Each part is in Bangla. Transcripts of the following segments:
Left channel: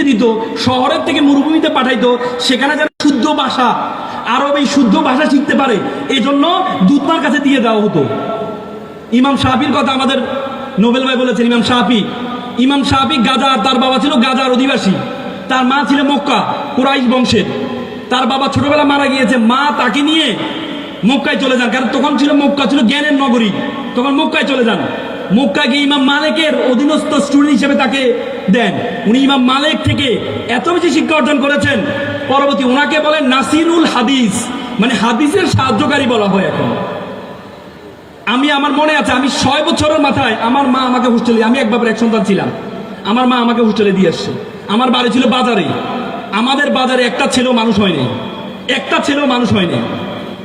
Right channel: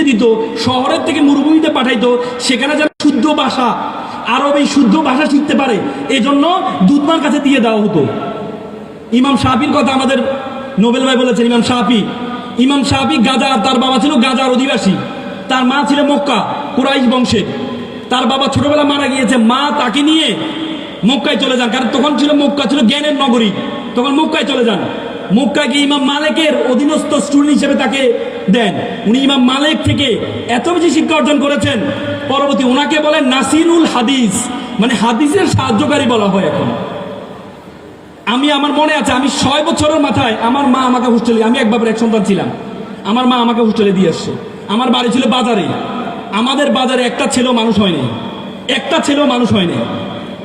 মরুভূমিতে দিত, শহরের থেকে মরুভূমিতে পাঠাইতো, সেখানে যারা শুদ্ধ ভাষা, আরব এই শুদ্ধ ভাষা শিখতে পারে, এই জন্য দূতনার কাছে দিয়ে দেওয়া হতো। ইমাম শাফির কথা আমাদের নোবেল ভাই বলেছেন। ইমাম শাফি গাজা, তার বাবা ছিল গাজার অধিবাসী, তার মা ছিল মক্কা কুরাইশ বংশের। তার বাবা ছোটবেলা মারা গিয়েছে, মা তাকে নিয়ে মক্কায় চলে যান, কারণ তখন ছিল মক্কা ছিল জ্ঞানের নগরী, তখন মক্কায় চলে যান। মক্কা গিয়ে ইমাম মালিকের অধীনস্থ স্টুডেন্ট হিসেবে তাকে দেন। উনি ইমাম মালিক থেকে এত বেশি শিক্ষা অর্জন করেছেন, পরবর্তী ওনাকে বলেন নাসিরুল হাদিস, মানে হাদিসের সাহায্যকারী বলা হয় এখন। আমার মনে আছে, আমি 6 বছরের মাথায় আমার মা আমাকে হোস্টেলে, আমি এক বাবার এক সন্তান ছিলাম, আমার মা আমাকে হোস্টেলে দিয়ে আসছে। আমার বাড়ি ছিল বাজারে, আমাদের বাজারে একটা ছেলেও মানুষ হয়নি, একটা ছেলেও মানুষ হয়নি।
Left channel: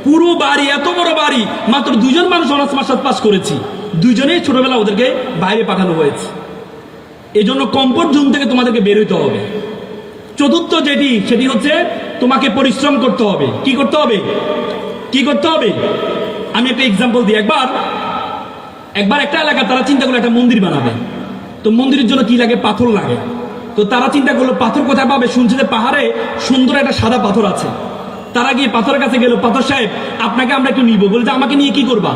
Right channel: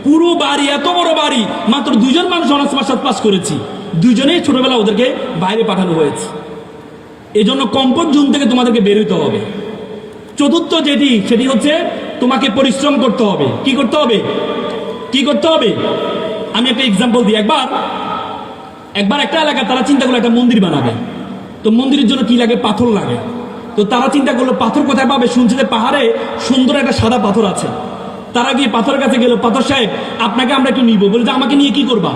পুরো বাড়ি, এত বড় বাড়ি, মাত্র 2 জন মানুষ অনার্স মাস্টার্স পাস করেছি, 2 জনেই ছোটবেলা ওদেরকে বাইরে পাঠানো হয়েছে। এই জন্য কমফোর্ট জোন থেকে তোমাদেরকে বের হইতে হবে। চতুর্থ সেটি হচ্ছে তোমাকে পরিশ্রম করতে হবে। কি করতে হবে? আমি একটা এক্সাম্পল দিই। একবার একটা এলাকা তারা চিন্তা করলো একটা মন্দির বানাবে। তো মন্দিরের জন্য কি লাগে? পাথর লাগে। তো তারা চিন্তা করলো পাথর কোথায় পাবে? শুনছে যে পাহাড়ে সুন্দর একটা সাদা পাথর আছে। তারা গিয়ে পাথরের কাছে গেল, পাথর সাহেব আপনাকে আমরা একটু নিবো। বলছে আমাকে নিয়ে কি করবা?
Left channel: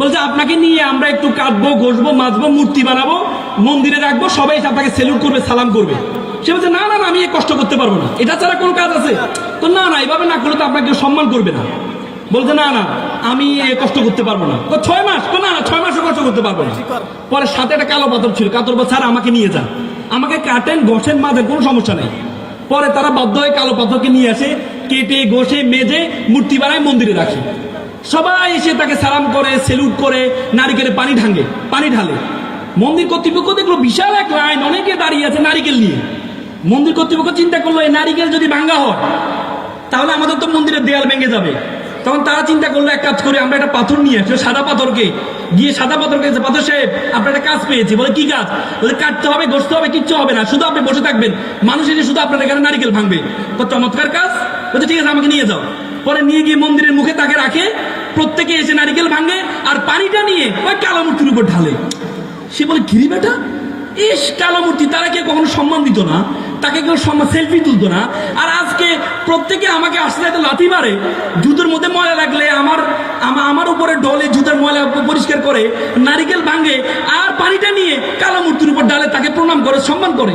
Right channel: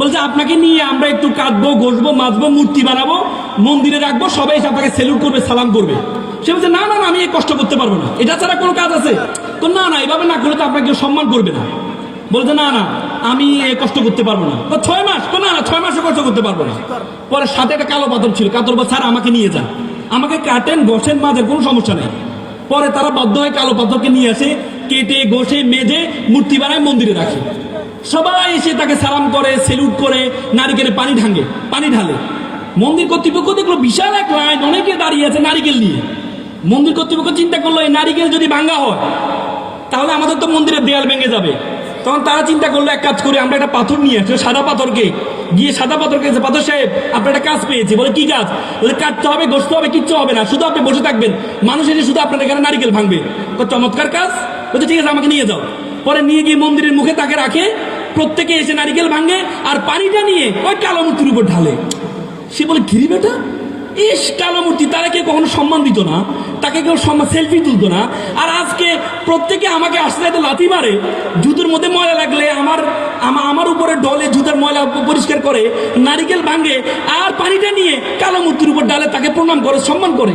বলছে আপনাকে নিয়ে আমরা একটু কাটবো, ঘষবো, মাজবো, মূর্তি বানাবো, মন্দিরে রাখবো, সবাই এসে আপনাকে সেলুট করবে, সালাম করবে। সে বলছে না না, আমি এই কষ্ট করতে পারবো না, এটা ছাড়া কোনো কাজ আছে? তো না, এভাবে না করলে তো আপনাকে সম্মান করবে না। বলছে না আমি কষ্ট করতে পারবো না। 6 মাস? না 6 মাসও কষ্ট করতে পারবো না। পরে সাথে একটা কালো পাথর ছিল, স্যার আমাকে নিয়ে যান, আমাকে কাটেন, ঘষেন, মাজেন, কোনো সমস্যা নেই। পরে তারা বাধ্য হয়ে কালো পাথরকে নিয়ে আসে, কেটে ঘষে মেজে মূর্তি বানায়, মন্দিরে রাখে। সবাই এসে তাকে সালাম করে, সেলুট করে, নারিকেলে পানি ঢালে। মন্দির কর্তৃপক্ষ দেখলো বিশাল এক লাইন, অনেকে দাঁড়িয়ে আছে নারিকেল নিয়ে। মন্দির কর্তৃপক্ষ চিন্তা করলো এই নারিকেল যদি ভাঙা হয় তাহলে আমাদের তো মন্দিরের দেয়াল ভেঙে যাবে। তখন তারা চিন্তা করলো এক কাজ করে, আমরা একটা পাথর নিয়ে আসি, সাদা পাথরকে পাথর সাহেব আপনার একটা কাজ পেয়েছি। বলে কি কাজ? বলে কাটতে হবে, ঘষতে হবে, কিচ্ছু হবে না, শুধু আপনি বসে থাকবেন, মানুষ এসে শুধু আপনার এখানে নারিকেল ভাঙবে। চমৎকার কাজ। বলছে ঠিক আছে, আমাকে নিয়ে যাও। পরে নিয়ে গিয়ে মন্দিরের মুখে তাকে রাখে, প্রত্যেকে এসে নারিকেল ভাঙে, আর পানিটা নিয়ে ওই কালো মূর্তির উপর ঢালে। সে বলে ঘিরি বেটা, কালো মূর্তি, তারা কেউ কখনো সম্মান দিত না, তাকে কেউ সেলফি তুলতো না। আর আজকে প্রত্যেকে আমাকে আসলে লাথি মারে, জুতোর মধ্যে ময়লা লাগলে আমার উপরে ডলে জুতার ময়লা পরিষ্কার করে, নারিকেল ভাঙে, আর পানিটা নিয়ে কালো মূর্তির উপর ডালে, তাকে প্রণাম করে, সম্মান করে।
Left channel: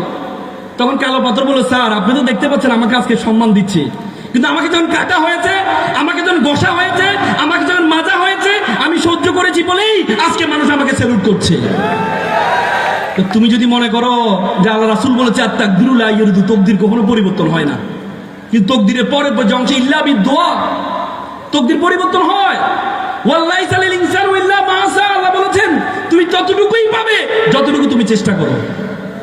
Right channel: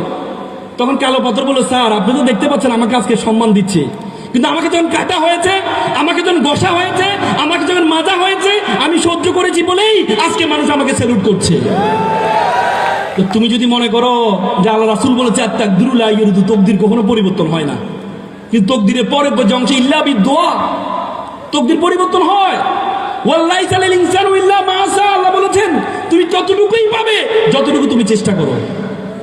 তখন কালো পাথর বলে স্যার আপনি তো দেখতে পাচ্ছেন আমাকে আজকে সম্মান দিচ্ছে, কিন্তু আমাকে যখন কাটা হয়েছে, আমাকে যখন ঘষা হয়েছে, আমাকে যখন মাজা হয়েছে, আমি সহ্য করেছি বলেই আজকে মানুষ আমাকে স্যালুট করছে। তুমি যদি মনে করো যে আল্লাহ রাসূল বলেছে আত-তাকদিরুল আইয়ুরদু, তকদির কখনো পরিবর্তন হয় না, কিন্তু তকদিরের পরে যে অংশ ইল্লা বিদ-দুআ, তকদির পরিবর্তন হয়। ওয়াল্লাইসা লিল ইনসানু ইল্লা মা সা, আল্লাহ বলেছেন তুমি ততটুকুই পাবে যতটুকু তুমি চেষ্টা করো।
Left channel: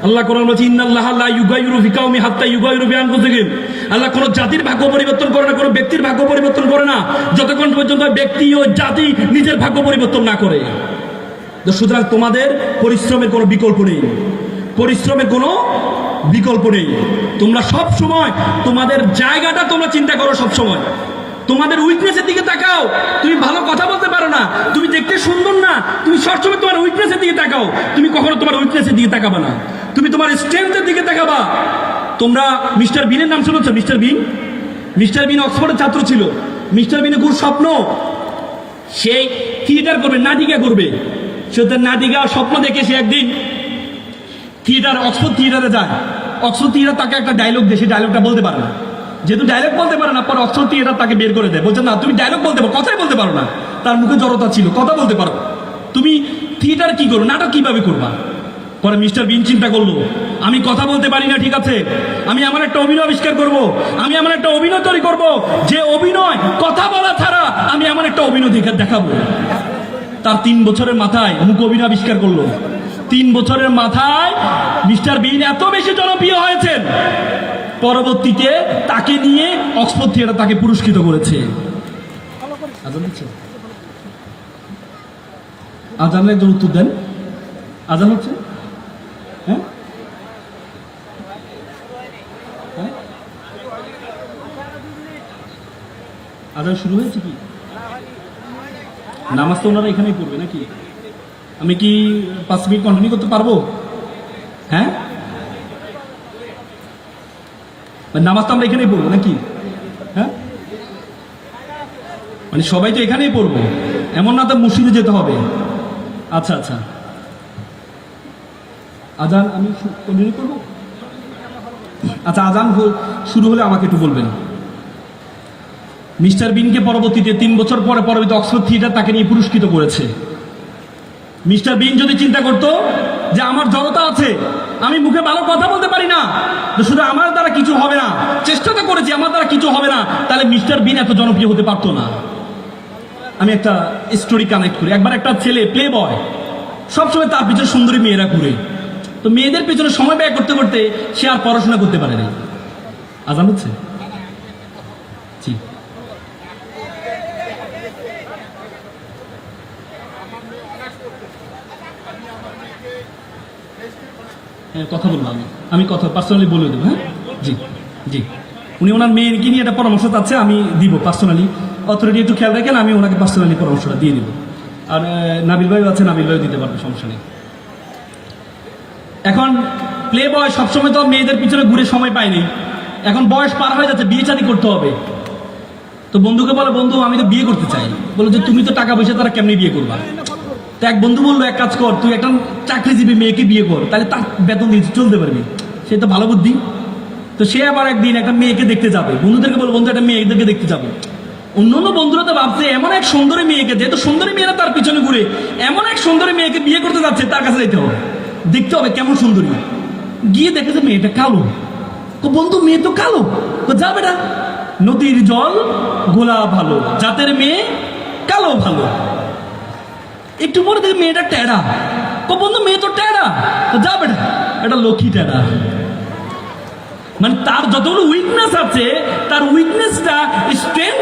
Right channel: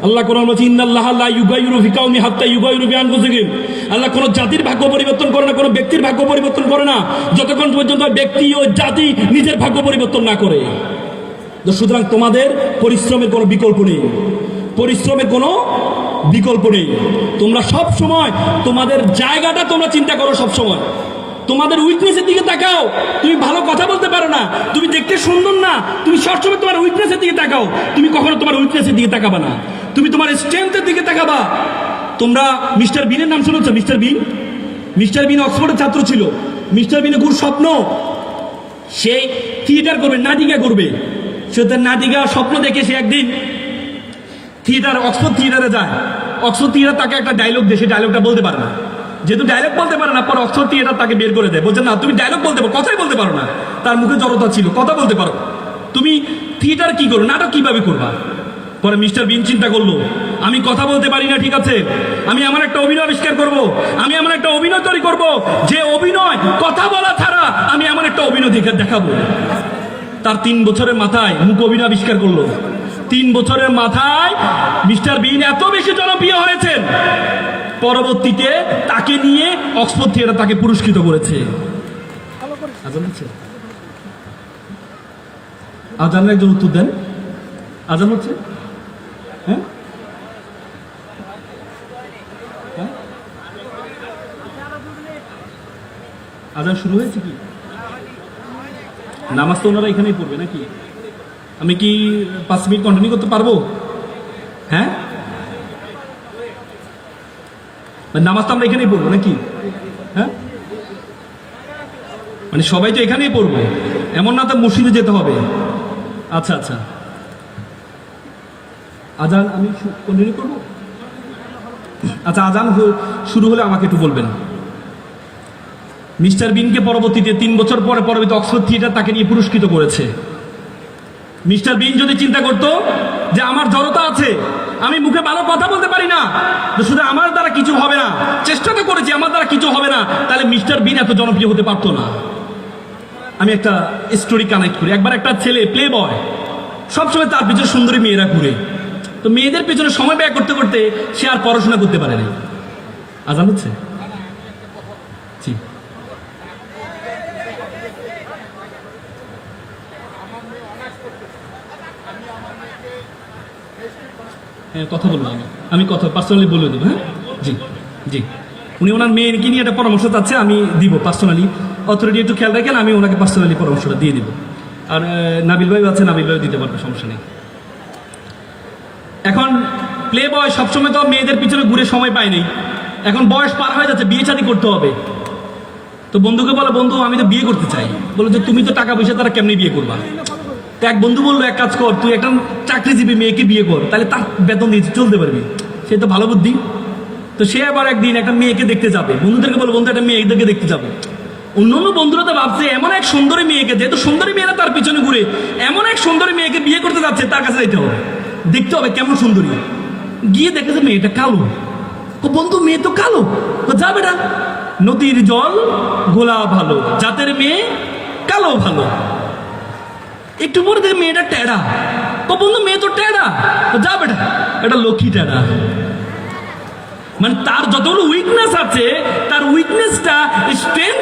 আল্লাহ কোরআন বলেছে ইন্নাল্লাহা লা ইউগাইয়িরু বিকাউমিন হাত্তা ইউগাইয়িরু বিআনফুসিহিম। আল্লাহ কোন জাতির ভাগ্য পরিবর্তন করে না, কোন ব্যক্তির ভাগ্য পরিবর্তন করে না, যতক্ষণ পর্যন্ত ব্যক্তি ও জাতি নিজের ভাগ্য পরিবর্তন না করে। সুতরাং তোমাদের পরিশ্রমের কোনো বিকল্প নেই, তোমরা সব সময় তোমাদের জায়গাটা তোমরা চিন্তা করো। সব সময় তোমাদের উইকনেসের দিকে তাকাও। তুমি ভালো কথা বলতে পারো না, তুমি দেখতে সুন্দর না, তুমি সবসময় তোমার উইকনেসের দিকে তাকাও। তুমি কখনো তোমার উইকনেসের দিকে তাকাবা না, তুমি তোমার স্ট্রেংথের দিকে তাকাবা। তোমরা মিস্টার বিনের নাম শুনেছো? মিস্টার বিন অক্সফোর্ডের ছাত্র ছিল। মিস্টার বিনের খুব স্বপ্ন সেই থিয়েটার করবে, নাটিকা করবে। সে তার নাটিকা স্বপ্ন দেখে সে একদিন অক্সফোর্ড থিয়েটারে যায়। অক্সফোর্ড থিয়েটার তাকে একটা ডায়লগ দেয়, সে ডায়লগটা বলতে পারে না। যেহেতু ডায়লগ বলতে পারে না, পর অক্সফোর্ড থিয়েটার তাকে বের করে দেয়, বলছে না তুমি ডায়লগ বলতে পারো, কথাই বলতে পারো না। তার মুখে জড়তা ছিল, কথা বলতে পারো, তুমি থিয়েটার কি করো, নাটক কিভাবে করবা? পরে মিস্টার বিন চিন্তা করলো আমি কথা বলতে পারি না, ঠিক আছে, আমি আমার একটা অভিনয় আবিষ্কার করবো, আমি আমার একটা অভিনয় তৈরি করবো, যে অভিনয় কথা বলা ছাড়া আমি আমার একটা অভিনয় দেখাবো। তার 3 বছরের মাথায় মুখ অভিনয় আবিষ্কার করলো। 3 বছরের মাথায় মিস্টার বিন এত বেশি জনপ্রিয় হয়েছেন, পরবর্তীতে তাকে নিয়ে অক্সফোর্ড থিয়েটার তাকে পুরস্কৃত করেছে। আজানের একজন উত্তর দেন। আজান হচ্ছে? হ্যাঁ, আজান শুরু হয়েছে কি? নামাজ তো ওনারা এখানেই পড়বে নাকি? আমি কি 5 মিনিট কন্টিনিউ করতে পারবো? হ্যাঁ, নামাজ তো আমরা এখানেই পড়বো নাকি? হ্যাঁ, মানে সবাই তো এখানেই পড়বো, এমন না তো মসজিদে যেতে হবে। আচ্ছা আচ্ছা, আজান আমি কন্টিনিউ করবো? আচ্ছা, আজান শুরু হলে আমাকে একটু বলবেন। মিস্টার বিনকে পরবর্তীতে 3 বছর পরে পরবর্তী অক্সফোর্ড থিয়েটার তাকে নিয়ে পুরস্কৃত করেছে। মিস্টার বিন যদি চিন্তা করতো যে আমার জড়তা আছে, আমি মুখে ভালো কথা বলতে পারি না, তো শুধু আমার দ্বারা কিছু হবে না, চেষ্টা তো করেছি আমার দ্বারা কিছু হবে না, তাহলে মিস্টার বিন এত জনপ্রিয় হতে পারতো না। আমি একটা স্টোরি কানেক্ট করি। একবার একটা ছেলে প্লে বয়, সবসময় তার পিছনে সুন্দরী মেয়েরা ঘুরে, তো মেয়েদের পেছনে সময় ব্যয় করতে করতে সে আর পড়াশোনা করতে পারে না। আজান হচ্ছে? জি, হ্যাঁ কথা বলবো, আমি কথা পার্সোনালি বলে দেবো। হ্যাঁ জি জি, উনি ওনার মেয়েকে নিয়ে একটা পরামর্শ চাচ্ছে, আমি দিব পার্সোনালি। অথরিটি একটু খেয়াল রাখেন, আমি ওনাকে পার্সোনালি পরামর্শটা দিয়ে দিব। আর নাবিল ভাই আছে, নাবিল ভাই দিতে পারবে, সমস্যা নেই। এখন প্লে বয় সবসময় তো মেয়েদের পিছনে ঘুরে সময় পায় নাই, এখন বয়স পার হয়ে যাচ্ছে, বিয়ে শাদী করতে হবে। তো বন্ধুকে বলো, বন্ধু আমি তো বিয়ে করতে চাই। বলো যে তুমি তো টাকা পয়সা তারা কেমনি বিয়ে করবা? তো এক বন্ধু বললো, এক কাজ কর, তুই একটা চাকরিজীবী মেয়েকে বিয়ে কর, তাহলে তার বেতন দিয়ে চলতে পারবি। সে তো ভালো বুদ্ধি। তো সে আবার একদিন একটা মেয়েকে দেখতে যাবে, বন্ধুদেরকে বলো, বন্ধু একটা মেয়েদেরকে দেখতে যাবে। অন্যান্য বন্ধুরা তো ভাবছে এমন এক সুন্দরী মেয়েকে, যেহেতু সুন্দরী মেয়েরা তার পিছনে ঘুরে, এমন এক সুন্দরী মেয়েকে বিয়ে করতে যাচ্ছে, তার কাছে যেতে হবে, দেখতে হবে কেমন সুন্দরী। গিয়ে দেখেছে মেয়েটা কালো। তো বন্ধু মেয়ে তো কালো, তো যাবে না, নদীর জল গোলা ভালো, জাতের মেয়ে কালো ভালো। একটু পরে দেখে মেয়েটা টেরা, তো বন্ধু মেয়ে তো টেরা, তো যাবে না, এটা লক্ষ্মী টেরা। মানে তার যতগুলো উইকনেস আছে, তার উইকনেসটা স্ট্রেংথ।